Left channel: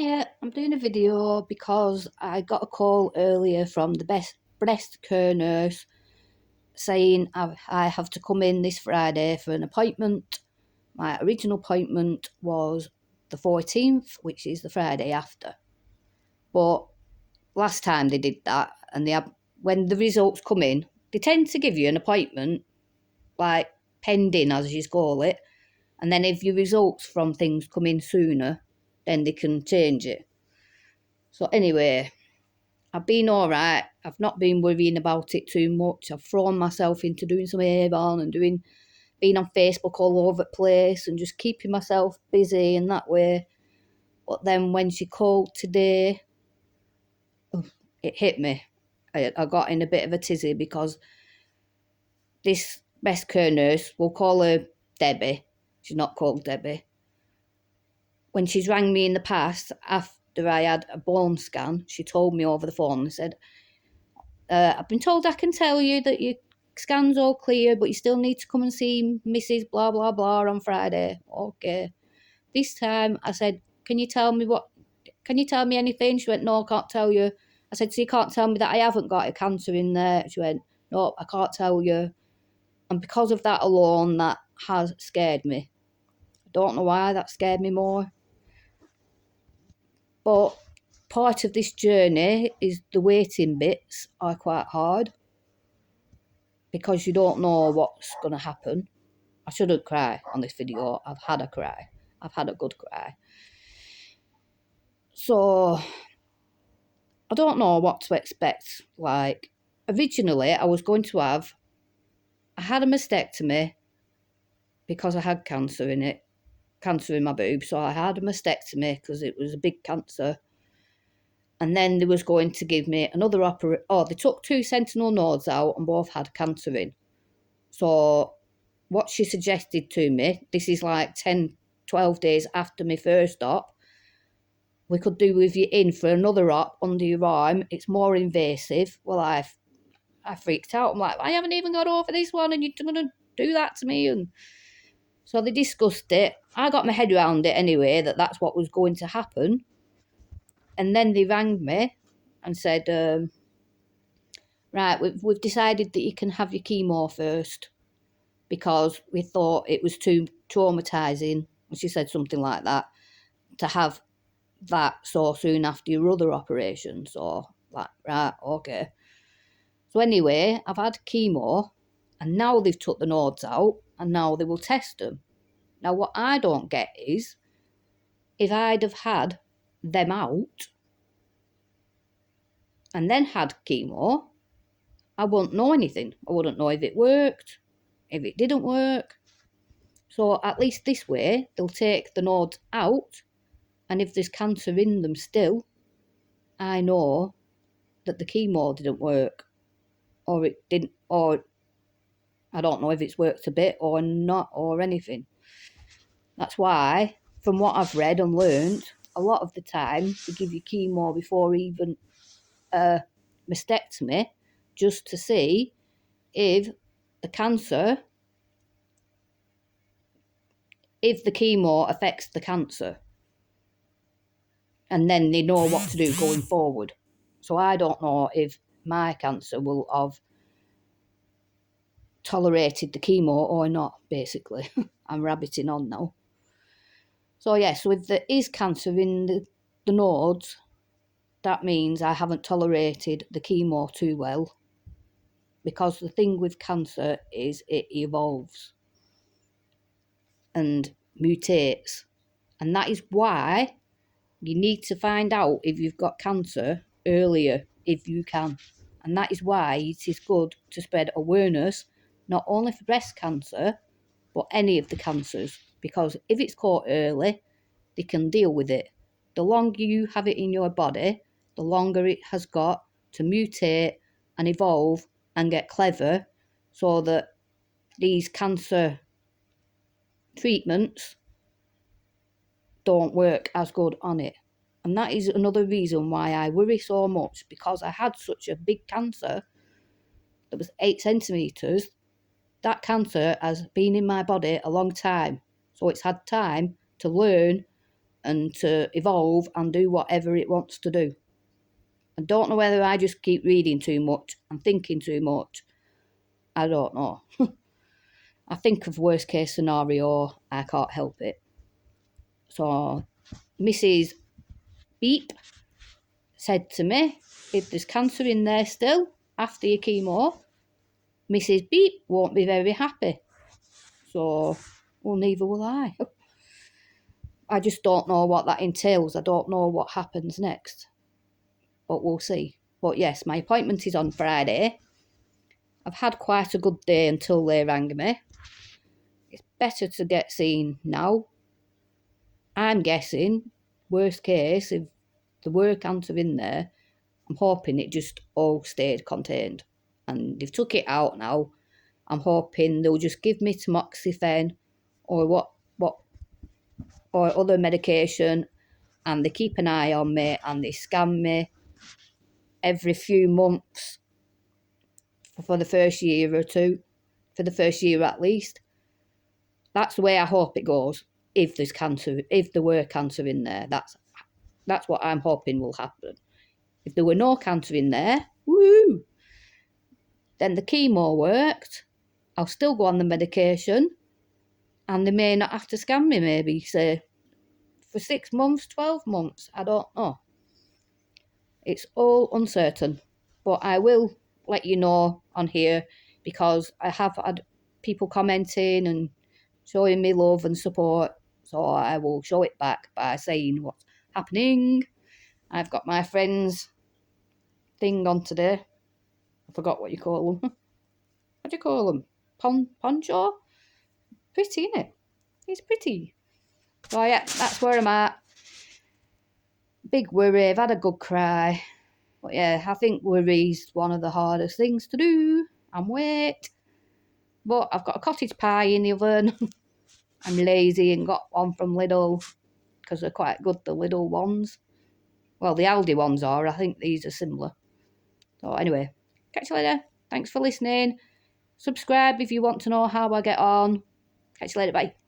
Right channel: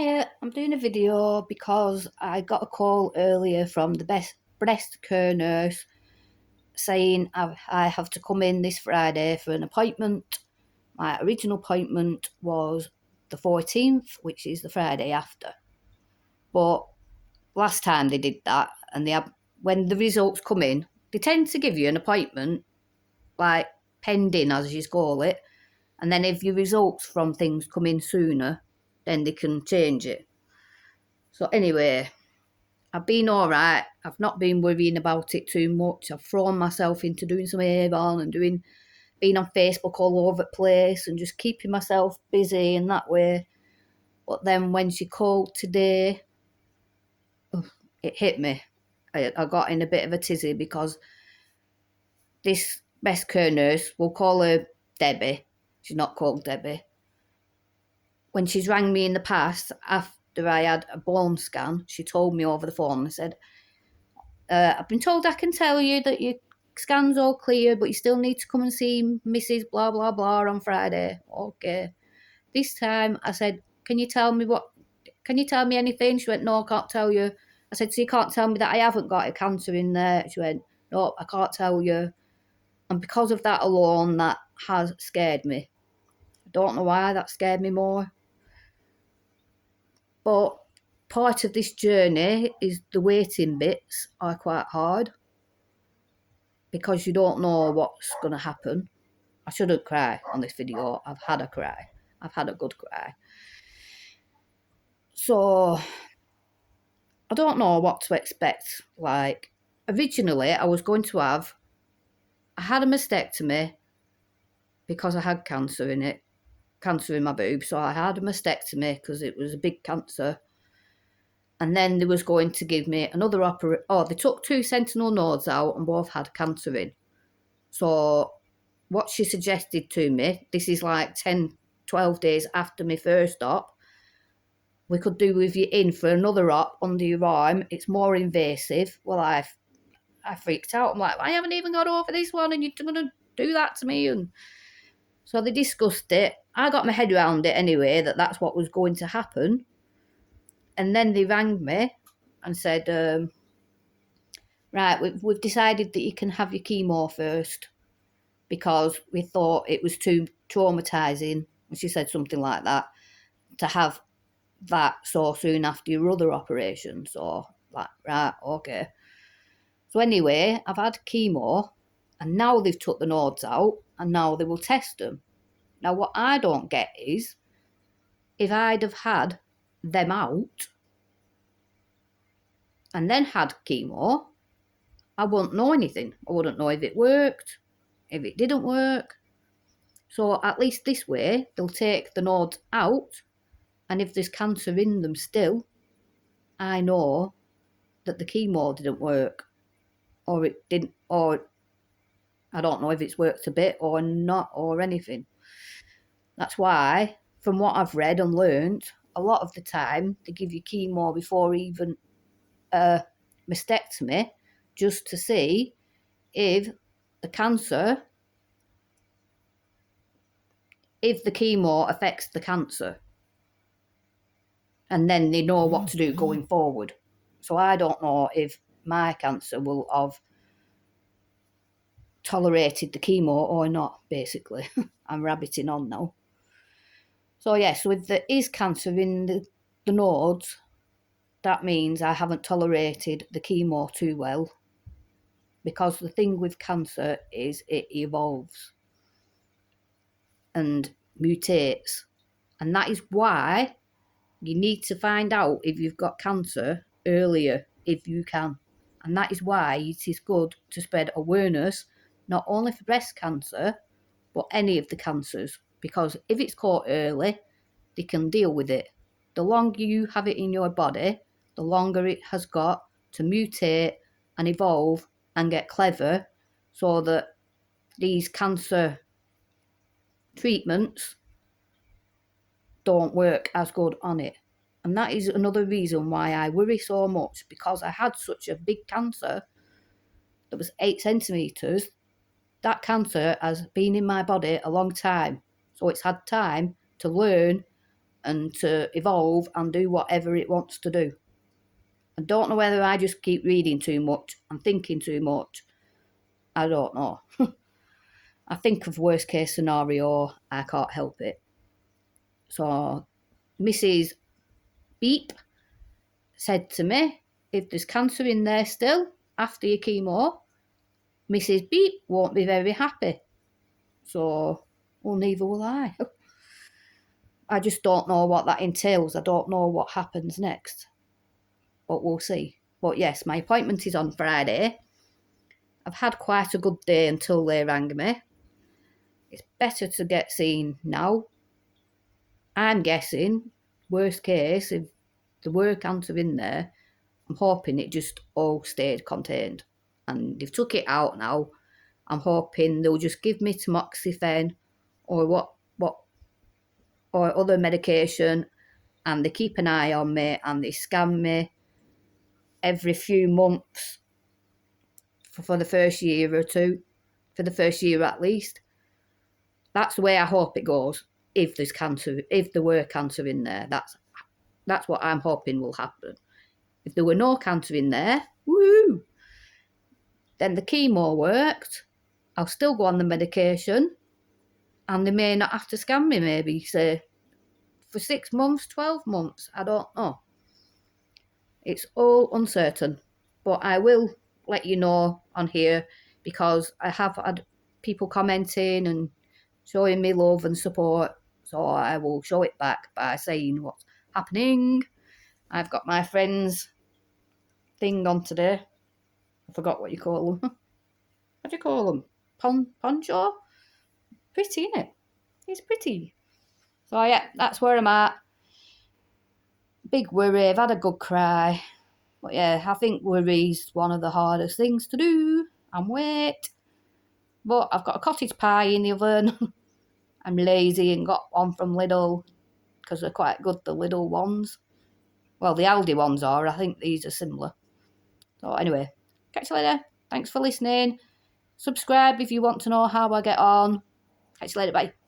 Hiya, I'm doing a video because I got a call earlier from the breast care nurse saying I have to come in this Friday for an appointment. My original appointment was the 14th, which is the Friday after. But last time they did that, and when the results come in, they tend to give you an appointment, like pending, as you call it. And then if your results from things come in sooner, then they can change it. So anyway, I've been alright. I've not been worrying about it too much. I've thrown myself into doing some Avon and being on Facebook all over the place and just keeping myself busy in that way. But then when she called today, it hit me. I got in a bit of a tizzy because this best care nurse, we'll call her Debbie. She's not called Debbie. When she's rang me in the past, after I had a bone scan, she told me over the phone and said, I've been told I can tell you that your scan's all clear, but you still need to come and see Mrs. Blah, blah, blah on Friday. Okay. This time I said, can you tell me anything? She went, no, I can't tell you. I said, so you can't tell me that I haven't got a cancer in there? She went, no, I can't tell you. And because of that alone, that has scared me. I don't know why that scared me more. But part of this journey is the waiting bits are quite hard because you don't know what's going to happen. I shouldn't cry on this video. I've had a cry. I've had a good cry. So I don't know what to expect. Like, originally I had a mastectomy because I had cancer in my boob. So I had a mastectomy because it was a big cancer. And then they was going to give me another operation. Oh, they took 2 sentinel nodes out and both had cancer in. So what she suggested to me, this is like 10, 12 days after my first op, we could do with you in for another op under your arm. It's more invasive. Well, I freaked out. I'm like, I haven't even got over this one and you're going to do that to me. And so they discussed it. I got my head around it anyway, that's what was going to happen. And then they rang me and said, right, we've decided that you can have your chemo first because we thought it was too traumatising. She said something like that, to have that so soon after your other operation. So, like, right, okay. So anyway, I've had chemo and now they've took the nodes out and now they will test them. Now, what I don't get is, if I'd have had them out and then had chemo, I wouldn't know anything. I wouldn't know if it worked, if it didn't work. So at least this way, they'll take the nodes out, and if there's cancer in them still, I know that the chemo didn't work, or it didn't, or I don't know if it's worked a bit or not, or anything. That's why, from what I've read and learned, a lot of the time they give you chemo before even a mastectomy, just to see if the cancer, if the chemo affects the cancer. And then they know what to do going forward. So I don't know if my cancer will have tolerated the chemo or not, basically. I'm rabbiting on now. So yeah, so if there is cancer in the nodes, that means I haven't tolerated the chemo too well. Because the thing with cancer is it evolves and mutates. And that is why you need to find out if you've got cancer earlier, if you can. And that is why it is good to spread awareness, not only for breast cancer, but any of the cancers. Because if it's caught early, they can deal with it. The longer you have it in your body, the longer it has got to mutate and evolve and get clever, so that these cancer treatments don't work as good on it. And that is another reason why I worry so much, because I had such a big cancer that was 8 centimetres. That cancer has been in my body a long time, so it's had time to learn and to evolve and do whatever it wants to do. I don't know whether I just keep reading too much and thinking too much. I don't know. I think of worst case scenario, I can't help it. So Mrs. Beep said to me, if there's cancer in there still after your chemo, Mrs. Beep won't be very happy. So, well, neither will I. I just don't know what that entails. I don't know what happens next. But we'll see. But yes, my appointment is on Friday. I've had quite a good day until they rang me. It's better to get seen now. I'm guessing, worst case, if there were cancer in there, I'm hoping it just all stayed contained. And they've took it out now. I'm hoping they'll just give me tamoxifen or or other medication, and they keep an eye on me and they scan me every few months for the first year or two, for the first year at least. That's the way I hope it goes. If there's cancer, if there were cancer in there, that's what I'm hoping will happen. If there were no cancer in there, woo, then the chemo worked. I'll still go on the medication, and they may not have to scan me. Maybe say for 6 months, 12 months. I don't know. It's all uncertain, but I will let you know on here because I have had people commenting and showing me love and support, so I will show it back by saying what's happening. I've got my friend's thing on today. I forgot what you call them. What do you call them? Poncho? Pretty, isn't it? It's pretty. So yeah, that's where I'm at. Big worry. I've had a good cry. But yeah, I think worry's one of the hardest things to do and wait. But I've got a cottage pie in the oven. I'm lazy and got one from Lidl because they're quite good, the Lidl ones. Well, the Aldi ones are. I think these are similar. So anyway, catch you later. Thanks for listening. Subscribe if you want to know how I get on. Catch you later. Bye.